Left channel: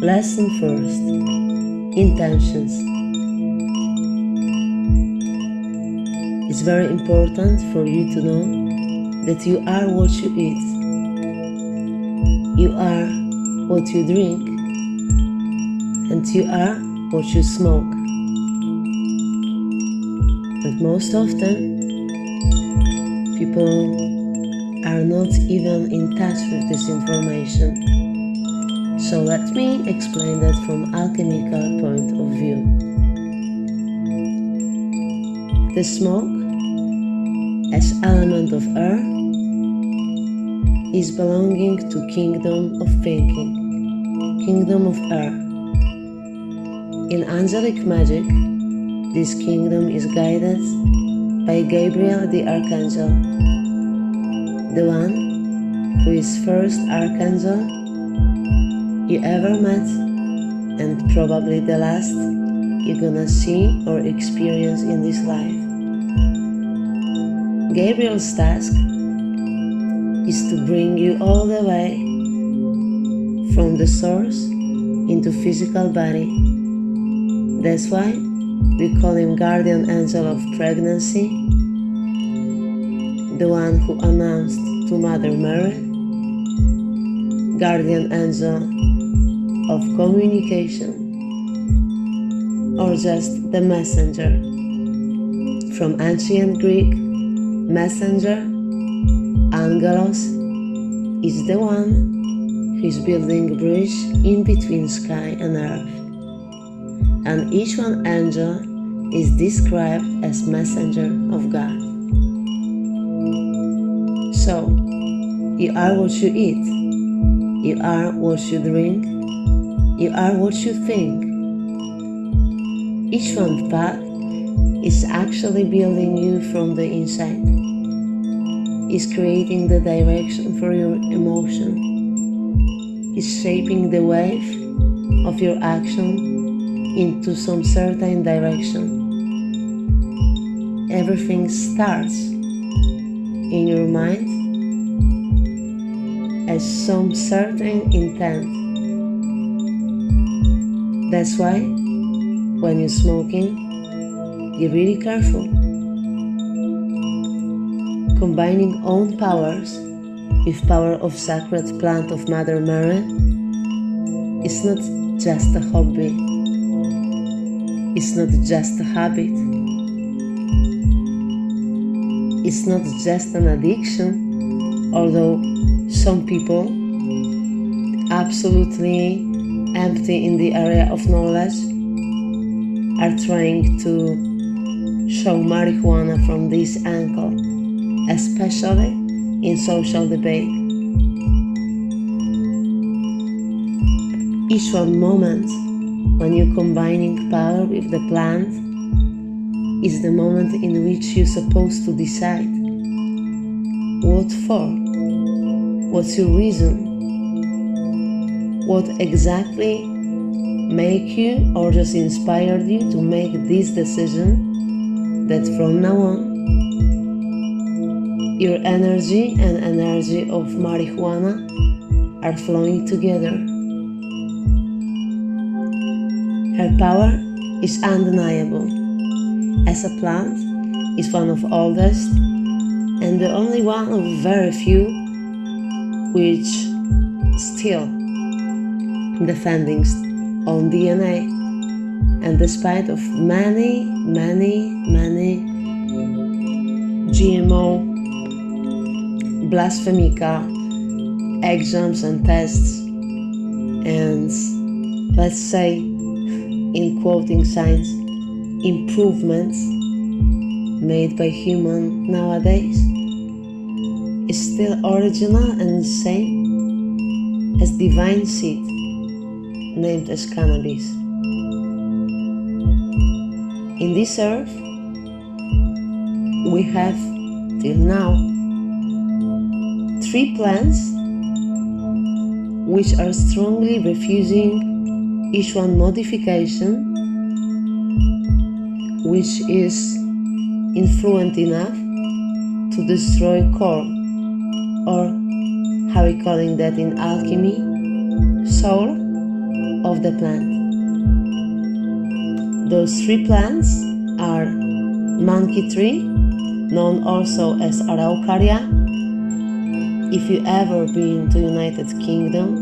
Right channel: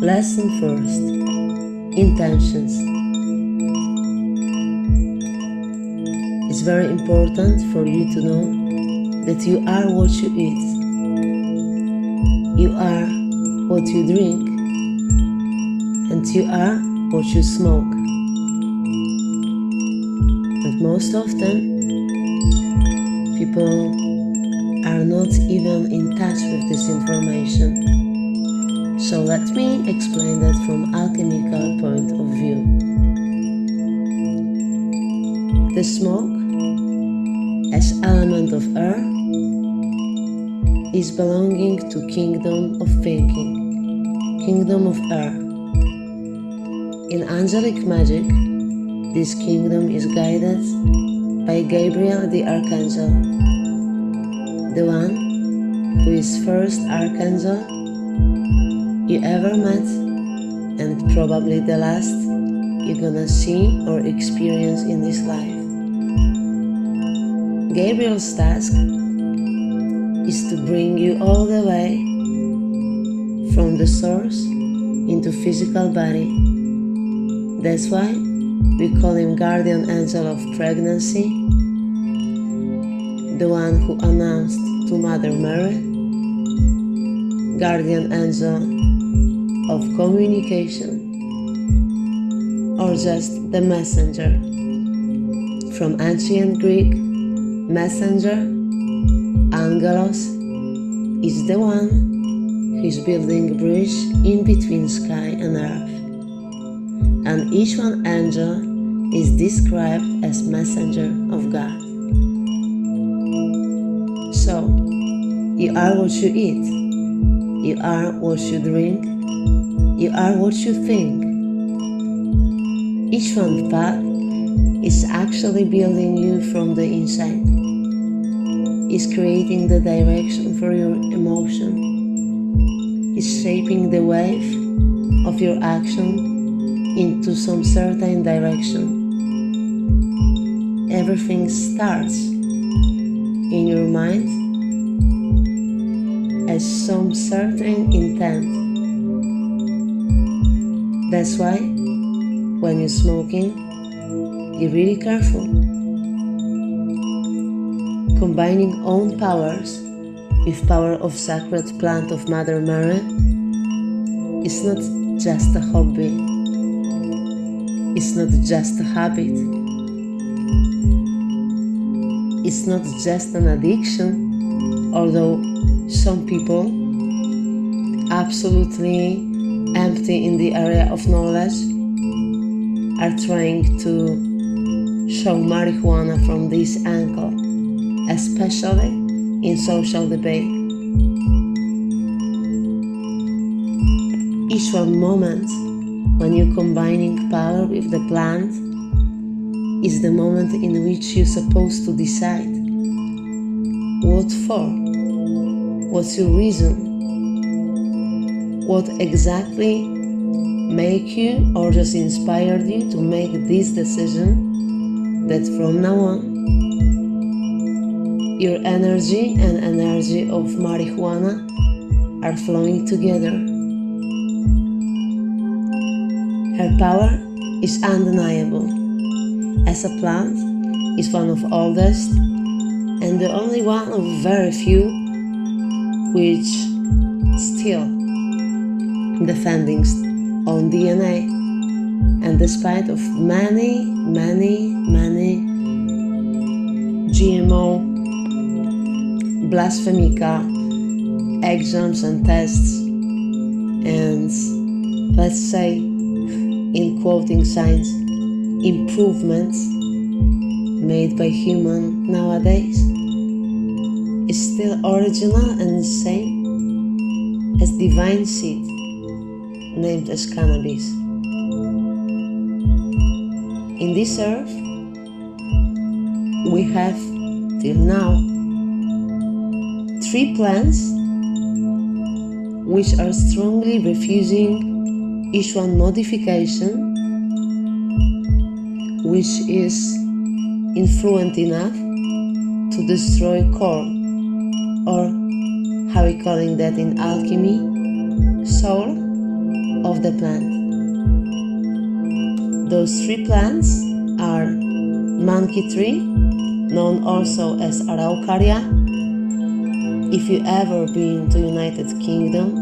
Lesson first. Intentions. It's very important for you to know that you are what you eat. You are what you drink, and you are what you smoke. And most often, people are not even in touch with this information. So let me explain that from alchemical point of view. The smoke, as element of air, is belonging to kingdom of thinking, kingdom of air. In angelic magic, this kingdom is guided by Gabriel the Archangel, the one who is first Archangel you ever met, and probably the last you're gonna see or experience in this life. Gabriel's task is to bring you all the way from the source into physical body. That's why we call him guardian angel of pregnancy, the one who announced to Mother Mary, guardian angel of communication, or just the messenger. From ancient Greek, messenger, angelos, is the one who is building a bridge in between sky and earth. And each one angel is described as messenger of God. So, you are what you eat, you are what you drink, you are what you think. Each one path is actually building you from the inside, is creating the direction for your emotion, is shaping the wave of your action into some certain direction. Everything starts in your mind as some certain intent. That's why when you're smoking, you're really careful. Combining own powers with power of sacred plant of Mother Mary is not just a hobby. It's not just a habit. It's not just an addiction, although some people absolutely empty in the area of knowledge are trying to show marijuana from this angle, especially in social debate. Each one moment when you're combining power with the plant is the moment in which you're supposed to decide what for, what's your reason, what exactly make you or just inspired you to make this decision that from now on your energy and energy of marijuana are flowing together. Her power is undeniable. As a plant, is one of oldest and the only one of very few which still defending on DNA, and despite of many GMO, blasphemica, exams and tests, and let's say in quoting signs, improvements made by human nowadays, is still original and same as divine seed named as cannabis. In this earth, we have till now 3 plants which are strongly refusing each one modification which is influent enough to destroy core, or how we calling that in alchemy, soul, of the plant. Those 3 plants are monkey tree, known also as araucaria. If you ever been to United Kingdom,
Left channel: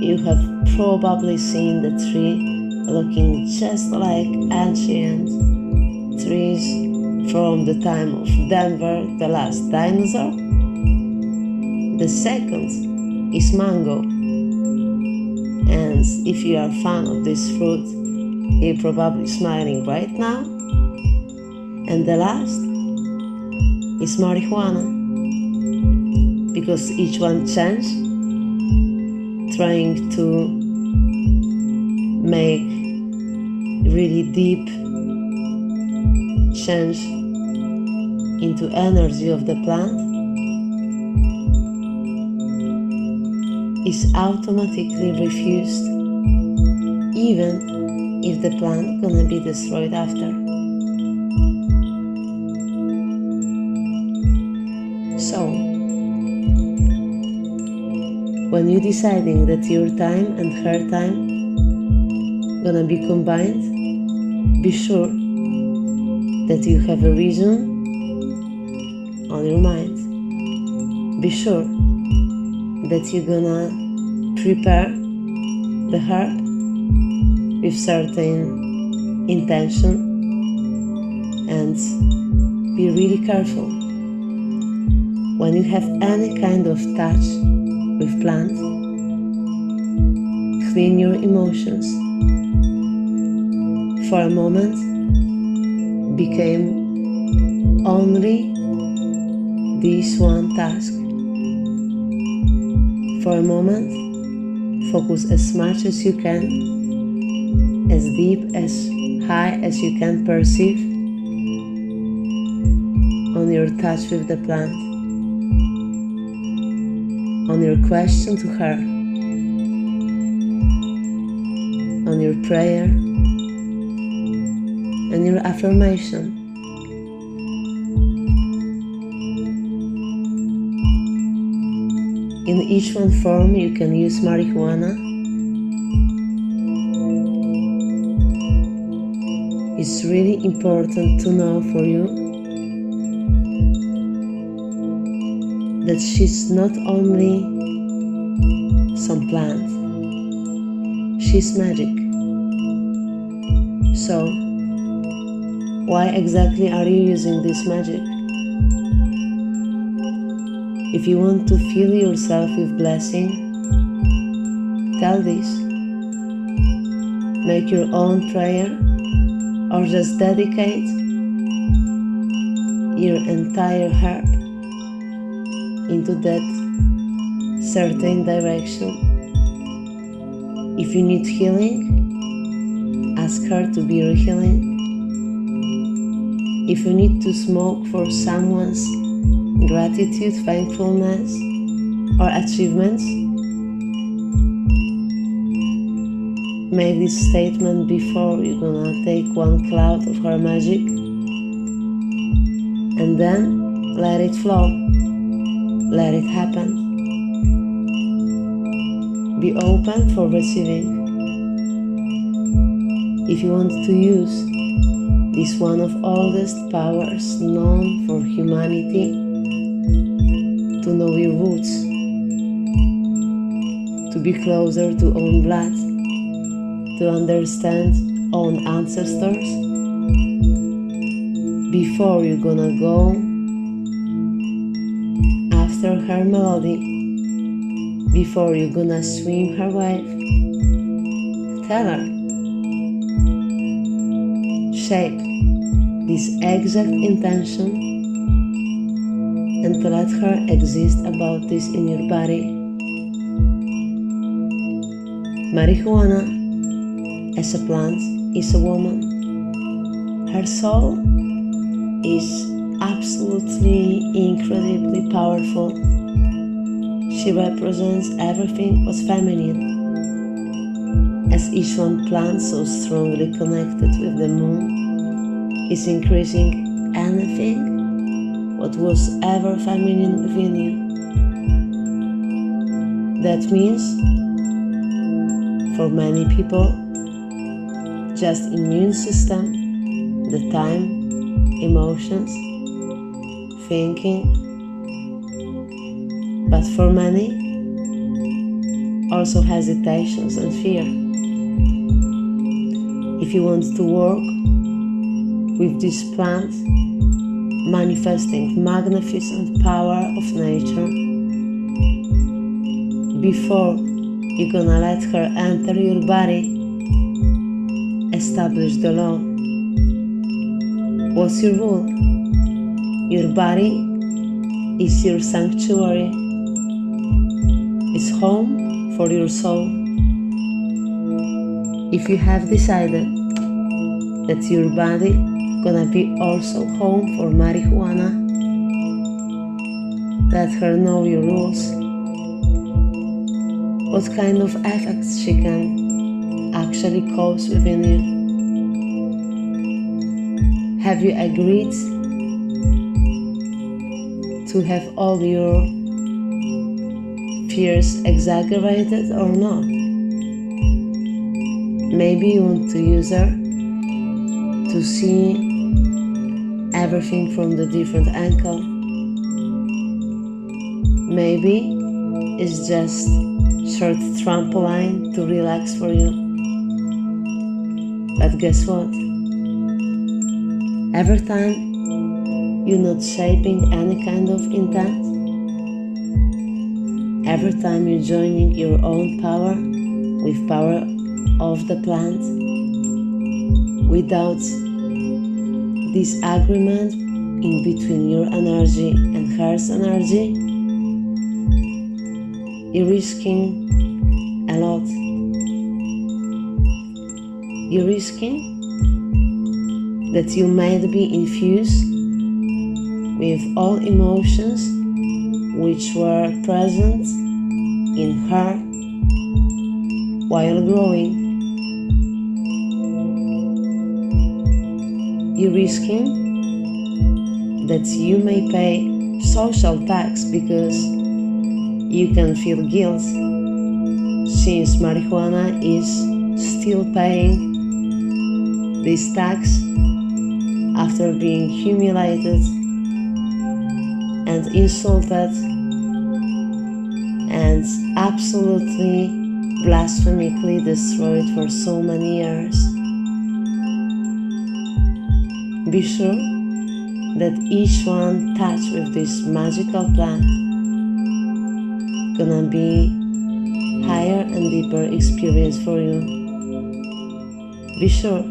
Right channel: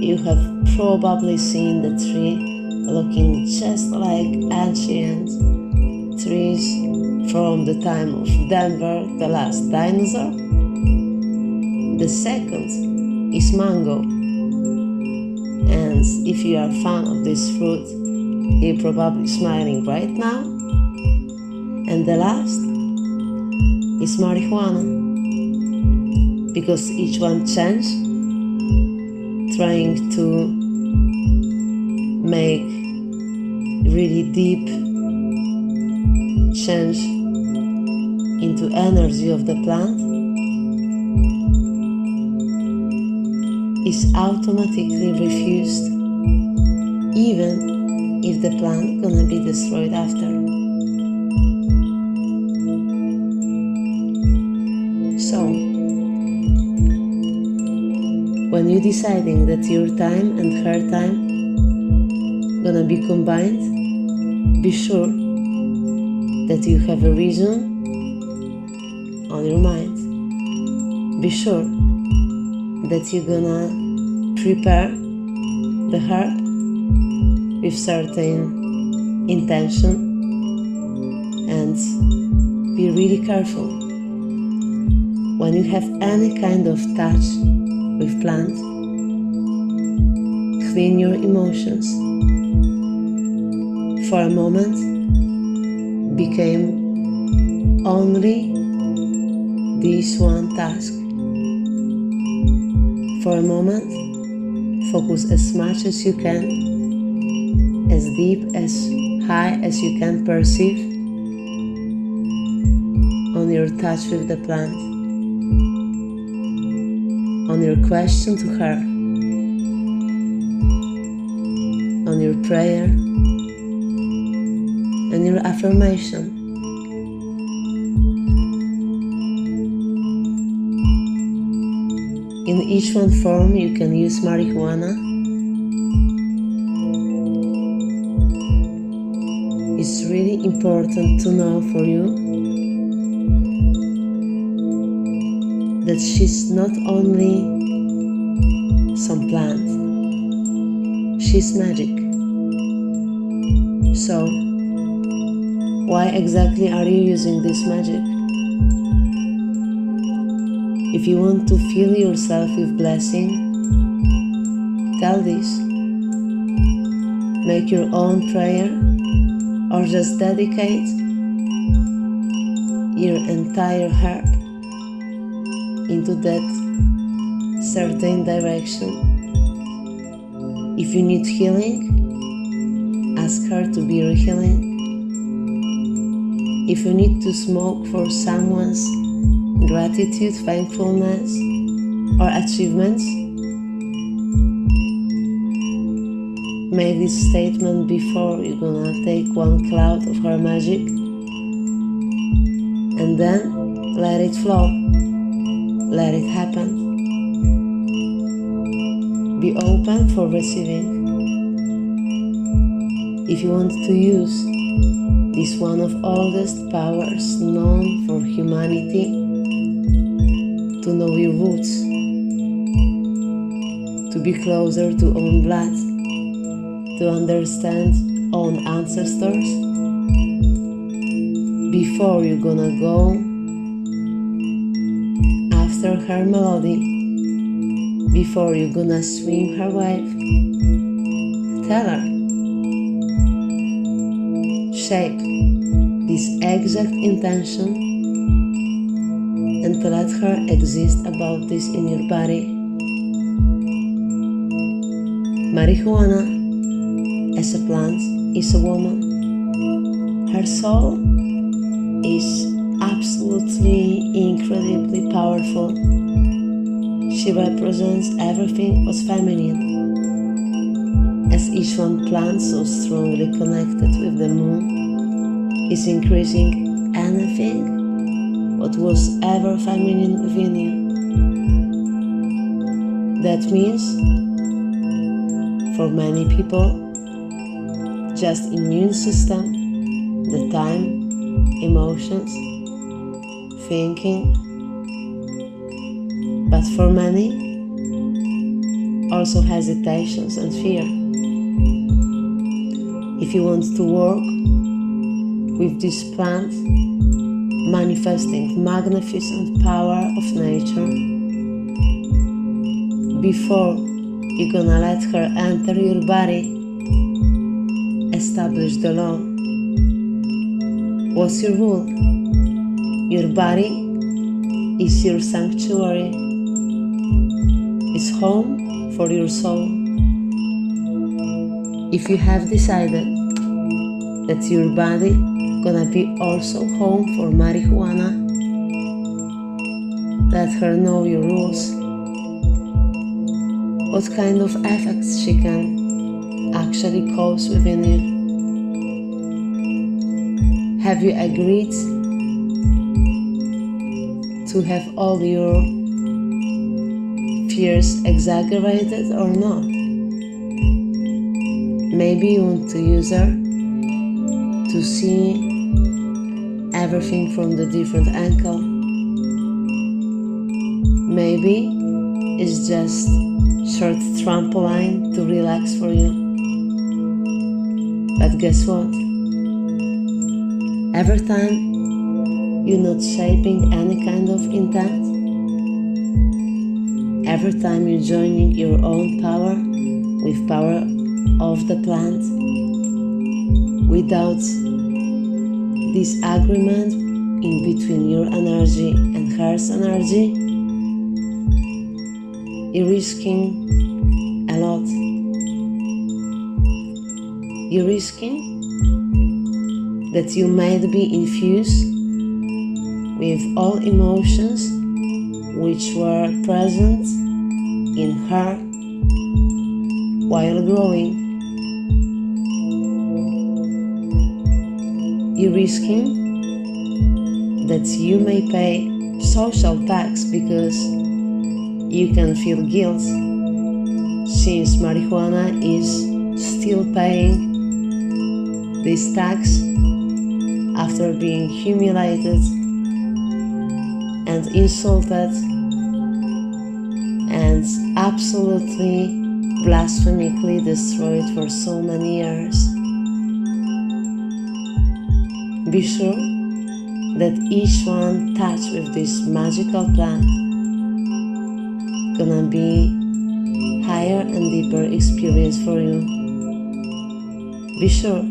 you have probably seen the tree looking just like ancient trees from the time of Denver, the last dinosaur. The second is mango, and if you are a fan of this fruit, you're probably smiling right now. And the last is marijuana, because each one changed, trying to make really deep change into energy of the plant, is automatically refused, even if the plant gonna be destroyed after. So, when you're deciding that your time and her time gonna be combined, be sure that you have a reason on your mind. Be sure that you're gonna prepare the herb with certain intention, and be really careful when you have any kind of touch with plants. Clean your emotions. For a moment, became only this one task. For a moment, focus as much as you can, as deep, as high as you can perceive, on your touch with the plant, on your question to her, on your prayer, and your affirmation. In each one form you can use marijuana. It's really important to know for you that she's not only some plant, she's magic. So, why exactly are you using this magic? If you want to fill yourself with blessing, tell this. Make your own prayer, or just dedicate your entire heart into that certain direction. If you need healing, ask her to be your healing. If you need to smoke for someone's gratitude, thankfulness, or achievements, make this statement before you're gonna take one cloud of her magic, and then let it flow, let it happen. Be open for receiving. If you want to use this one of oldest powers known for humanity, to know your roots, to be closer to own blood, to understand own ancestors, before you're gonna go after her melody, before you're gonna swim her wave, tell her, shape this exact intention and to let her exist about this in your body. Marijuana, as a plant, is a woman. Her soul is absolutely incredibly powerful. She represents everything what's feminine. As each one plant so strongly connected with the moon is increasing anything what was ever feminine within you. That means For many people, just immune system, the time, emotions, thinking. But for many, also hesitations and fear. If you want to work with this plant, manifesting magnificent power of nature, before you're gonna let her enter your body, establish the law. What's your rule? Your body is your sanctuary. It's home for your soul. If you have decided that your body gonna be also home for marijuana, let her know your rules. What kind of effects she can actually cause within you. Have you agreed to have all your fears exaggerated or not? Maybe you want to use her to see everything from the different angle. Maybe it's just short trampoline to relax for you. But guess what? Every time you're not shaping any kind of intent, every time you're joining your own power with power of the plant, without disagreement in between your energy and hers energy, you're risking a lot. You're risking that you might be infused with all emotions which were present in her while growing. You're risking that you may pay social tax because you can feel guilt, since marijuana is still paying this tax after being humiliated and insulted and absolutely blasphemically destroyed for so many years. Be sure that each one touched with this magical plant gonna be higher and deeper experience for you. Be sure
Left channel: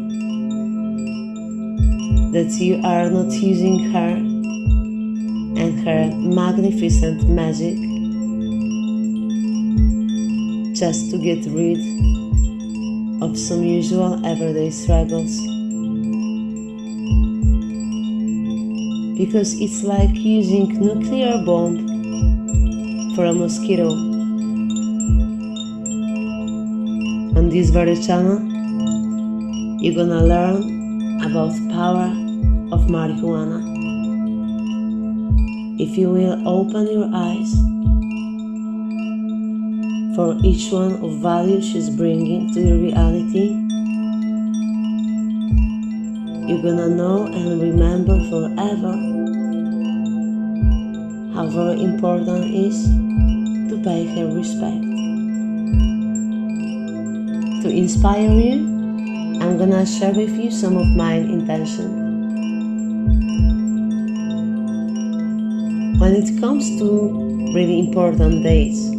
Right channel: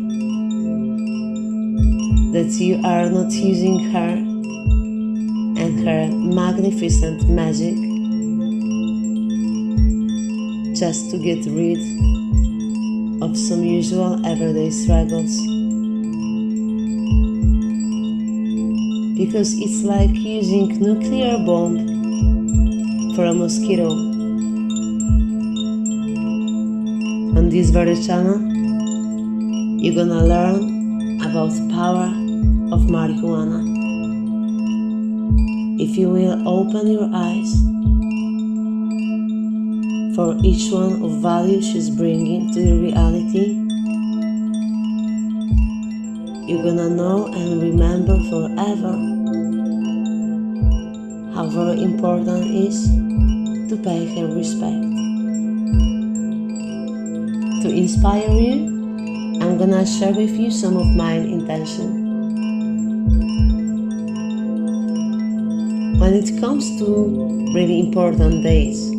that you are not using her and her magnificent magic just to get rid of some usual everyday struggles. Because it's like using nuclear bomb for a mosquito. On this very channel, you're gonna learn about the power of marijuana. If you will open your eyes for each one of value she's bringing to your reality, you're gonna know and remember forever how very important it is to pay her respect. To inspire you, I'm gonna share with you some of my intention. When it comes to really important days,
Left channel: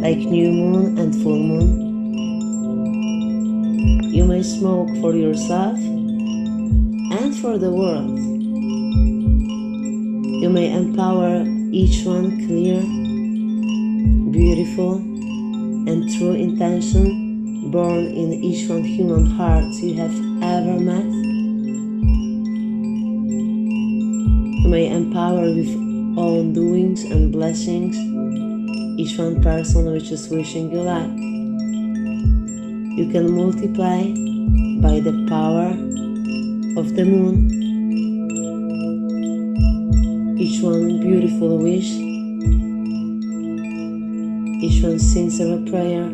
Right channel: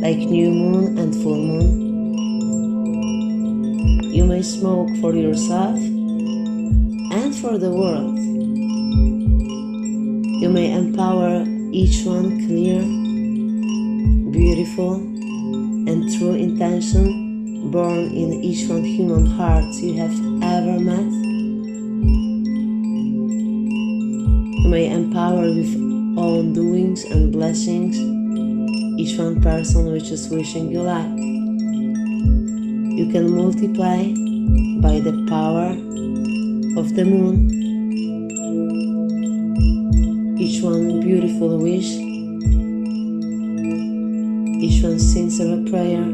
like new moon and full moon, you may smoke for yourself and for the world. You may empower each one clear, beautiful, and true intention born in each one human heart you have ever met. You may empower with own doings and blessings each one person which is wishing you luck. You can multiply by the power of the moon each one beautiful wish, each one sincere prayer,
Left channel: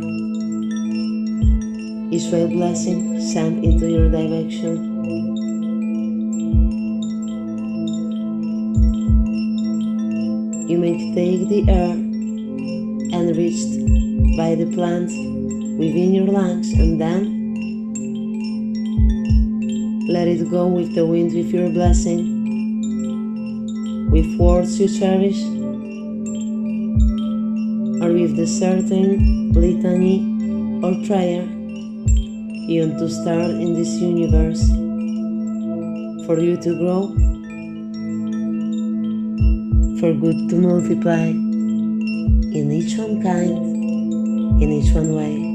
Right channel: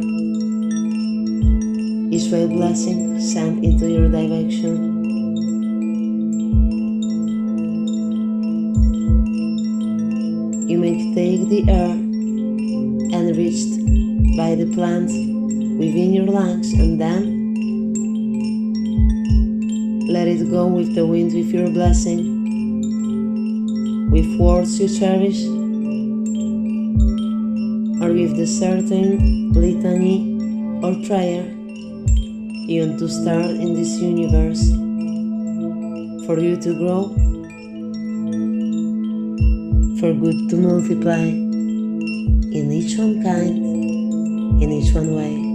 Israel blessing sent into your direction. You may take the air enriched by the plant within your lungs and then let it go with the wind with your blessing, with words you cherish, or with the certain litany or prayer you want to start in this universe for you to grow, for good to multiply in each one kind, in each one way.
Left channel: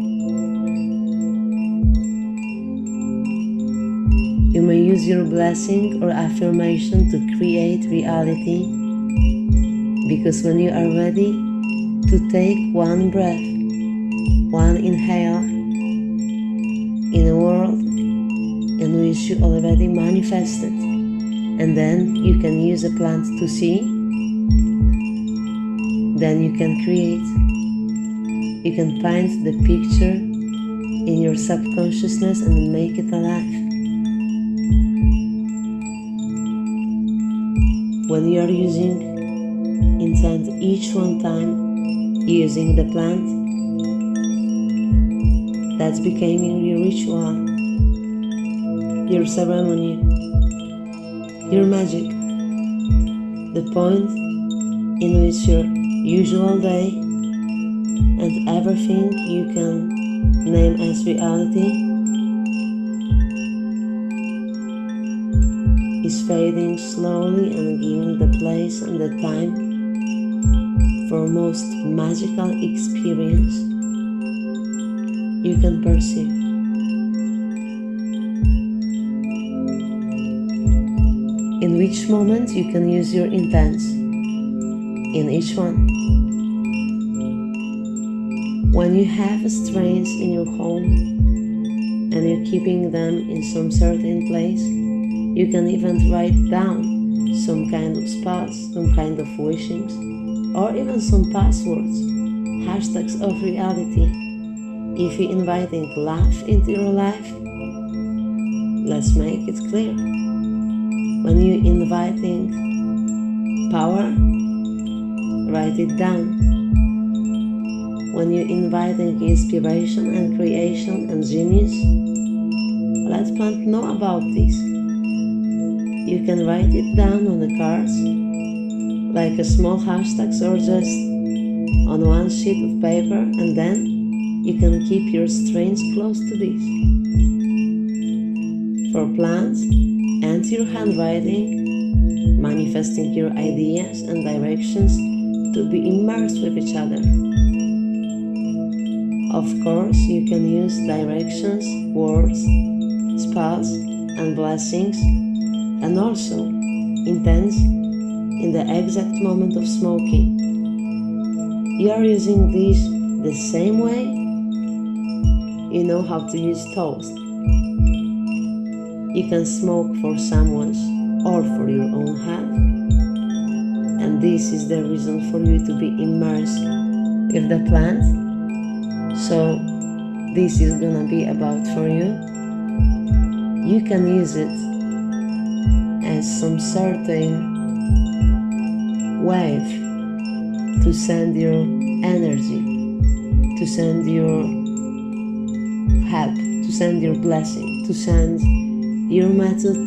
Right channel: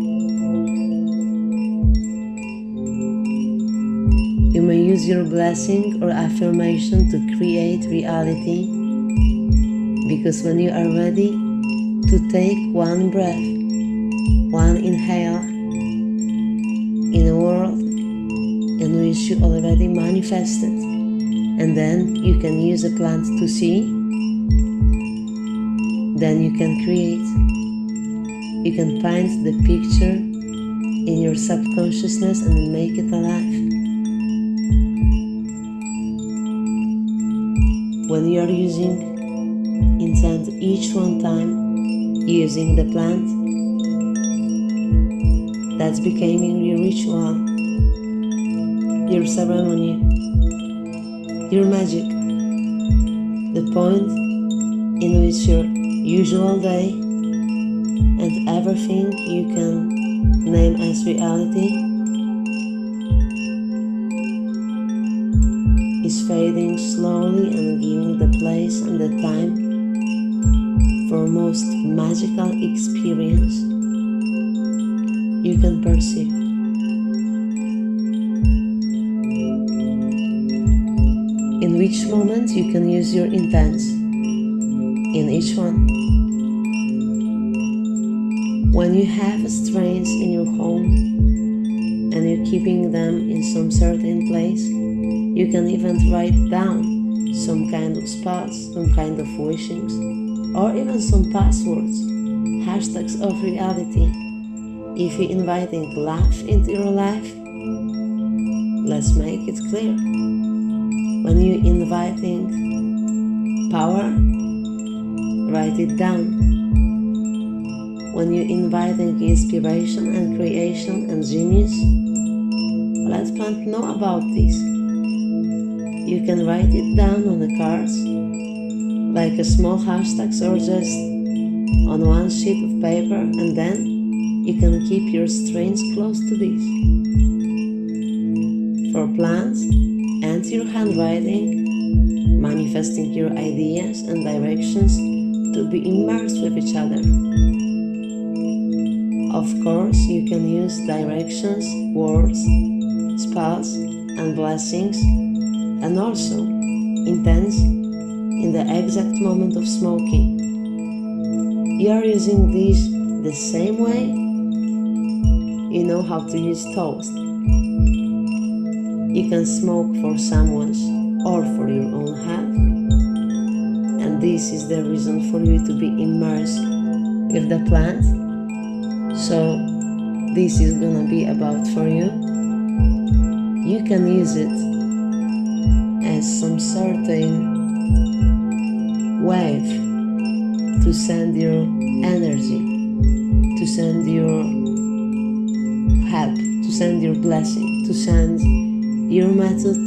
You may use your blessing or affirmation to create reality, because when you are ready to take one breath, one inhale in a world in which you already manifested, and then you can use a plant to see, then you can create. You can find the picture in your subconsciousness and make it alive. When you are using intent each one time using the plant, that's becoming your ritual, your ceremony, your magic, the point in which your usual day and everything you can name as reality is fading slowly and giving the place and the time for most magical experience you can perceive. In which moment you can use your intents, in each one. When you have strains in your home and you're keeping them in some certain place, you can even write down some kind of spells, some kind of wishings, or even some passwords, hashtags of reality. If you're inviting love into your life, let's make it clear. When you're inviting power, write it down. When you're inviting inspiration and creation and genius, let plant know about this. You can write it down on the cards, like a small hashtags or just on one sheet of paper, and then you can keep your strains close to this. For plants and your handwriting, manifesting your ideas and directions to be immersed with each other. Of course, you can use directions, words, spells, and blessings, and also intents in the exact moment of smoking. You are using this the same way you know how to use toast. You can smoke for someone's or for your own health, and this is the reason for you to be immersed with the plant. So this is gonna be about for you. You can use it as some certain wave to send your energy, to send your help, to send your blessing, to send your method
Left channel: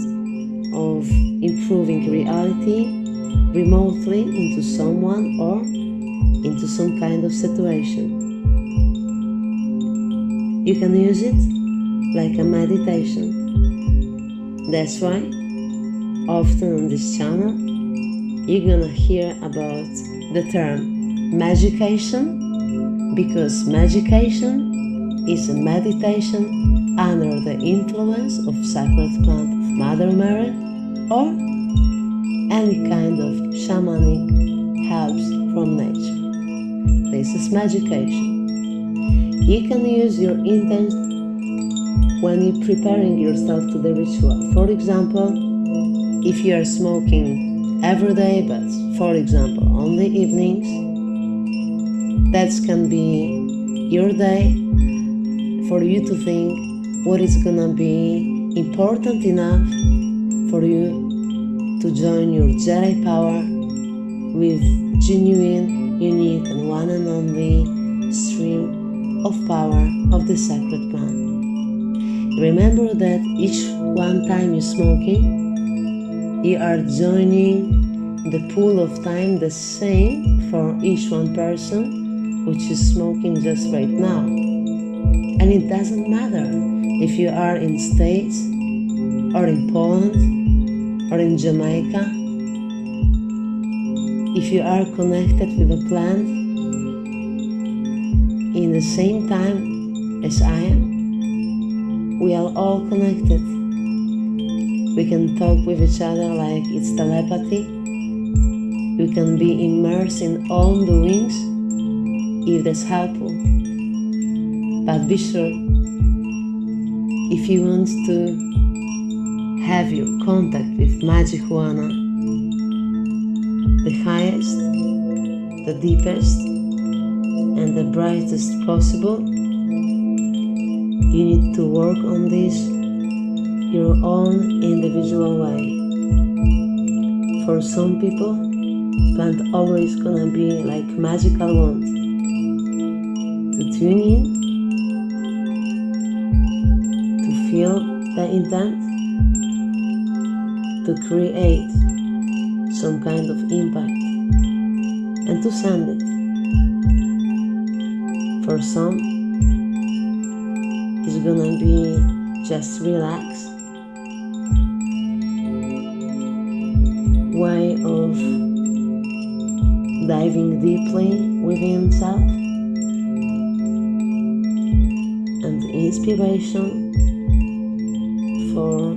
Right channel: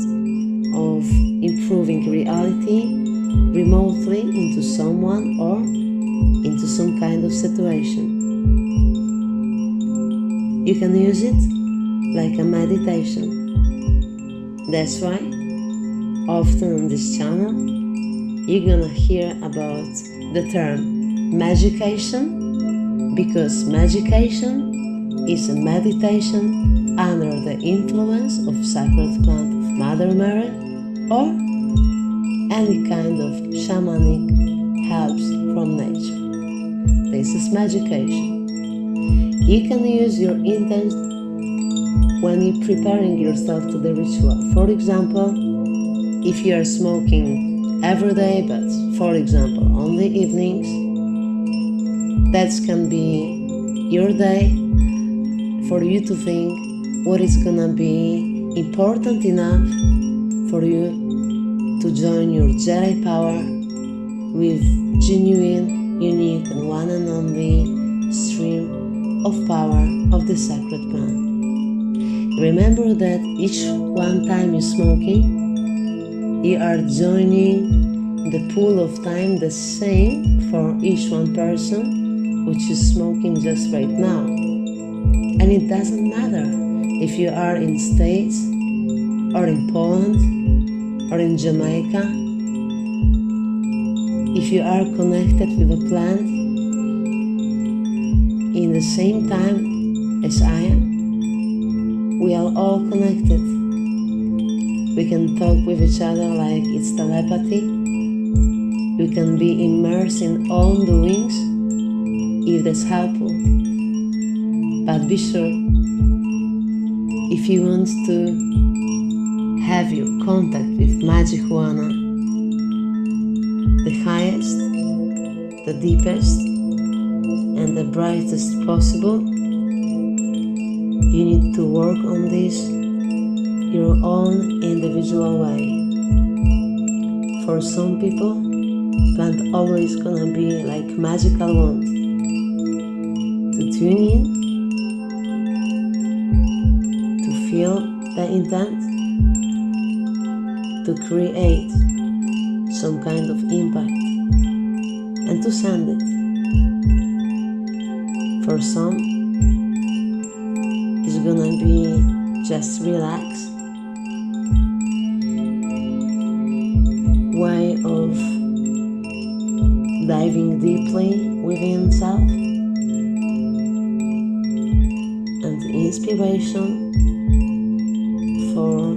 of improving reality remotely into someone or into some kind of situation. You can use it like a meditation. That's why often on this channel you're gonna hear about the term magication, because magication is a meditation under the influence of sacred plant of Mother Mary or any kind of shamanic helps from nature. This is magication. You can use your intent when you're preparing yourself to the ritual. For example, if you are smoking every day, but for example only evenings, that can be your day for you to think what is gonna be important enough for you to join your Jedi power with genuine, unique, and one and only stream of power of the sacred plant. Remember that each one time you're smoking, you are joining the pool of time the same for each one person which is smoking just right now. And it doesn't matter if you are in States or in Poland or in Jamaica. If you are connected with a plant in the same time as I am, we are all connected. We can talk with each other like it's telepathy. We can be immersed in own doings if that's helpful. But be sure, if you want to have your contact with Magihuana, the highest, the deepest, and the brightest possible, you need to work on this your own individual way. For some people, plant always gonna be like magical wand to tune in, to feel the intent, to create some kind of impact, and to send it. For some, it's gonna be just relax, way of diving deeply within self, and inspiration for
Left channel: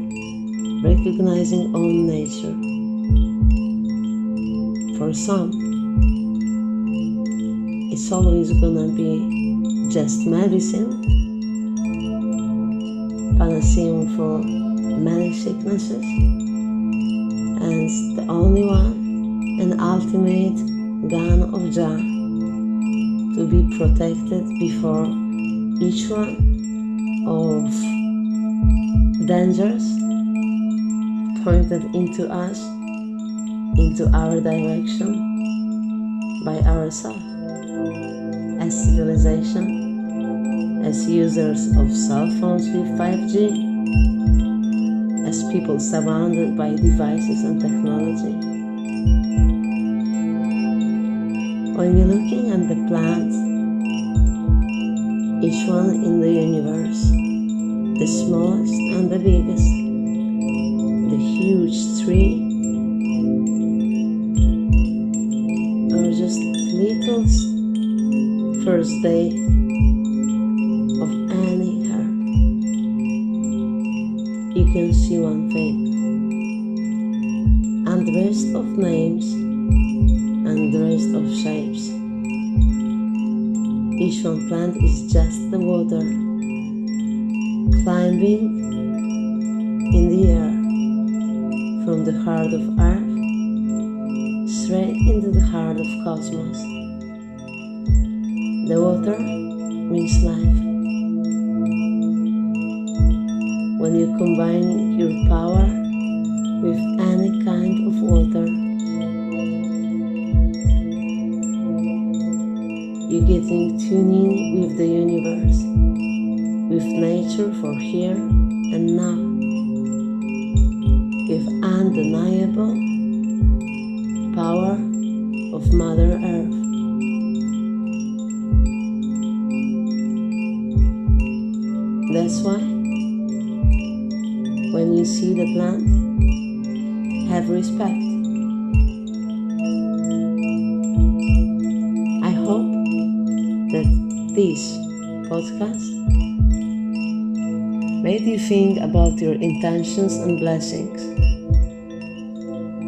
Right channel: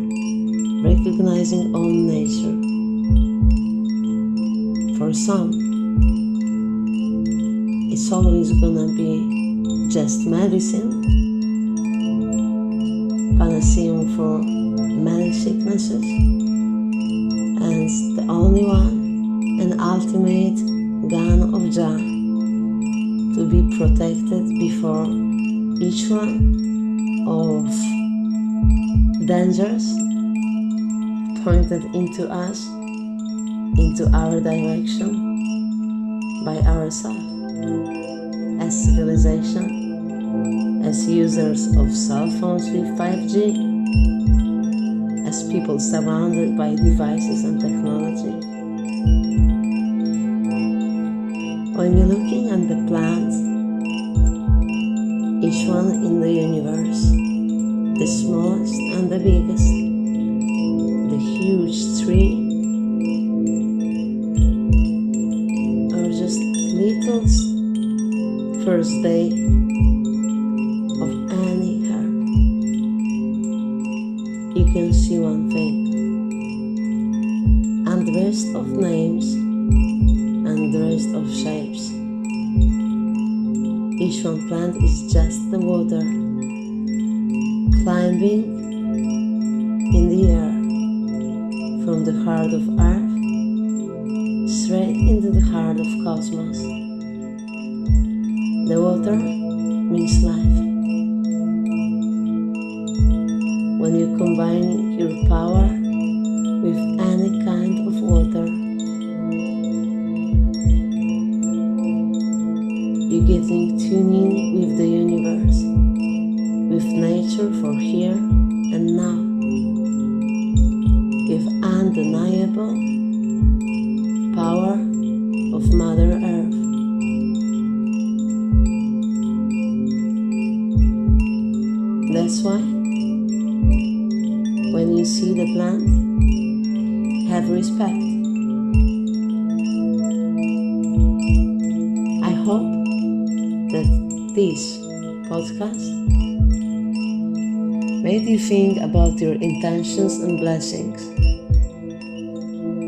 recognizing own nature. For some, it's always gonna be just medicine, panacea for many sicknesses, and the only one and ultimate gun of Jah to be protected before each one of dangers pointed into us, into our direction by ourselves, as civilization, as users of cell phones with 5G, as people surrounded by devices and technology. When you're looking at the plants, each one in the universe, the smallest and the biggest, the huge tree, or just little first day of any herb, you can see one thing, and the rest of names and the rest of shapes. Each one plant is just the water climbing in the air from the heart of earth straight into the heart of cosmos. The water means life. When you combine your power with any kind of water, you're getting tuned in with the universe, with nature for here and now, with undeniable power of Mother Earth. That's why, when you see the plant, have respect. I hope that this podcast made you think about your intentions and blessings,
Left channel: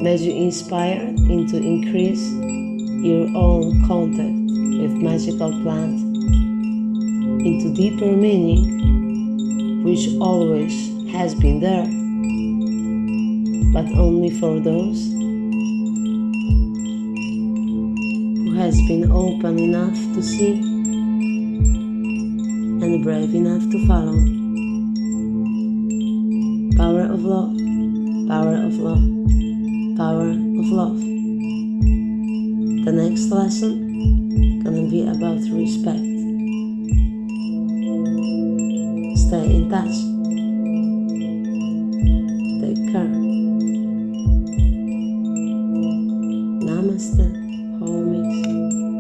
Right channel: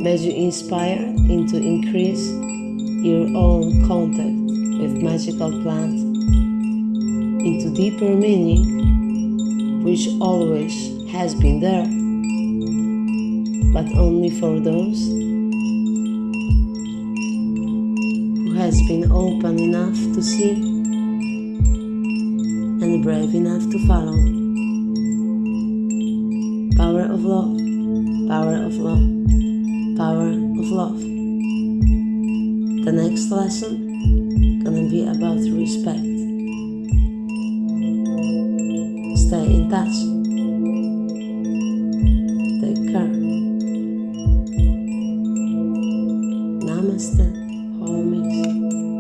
made you inspired into increase your own contact with magical plants, into deeper meaning, which always has been there, but only for those who has been open enough to see and brave enough to follow. Power of love, power of love, power of love. The next lesson gonna be about respect. Stay in touch. Take care. Namaste, homies.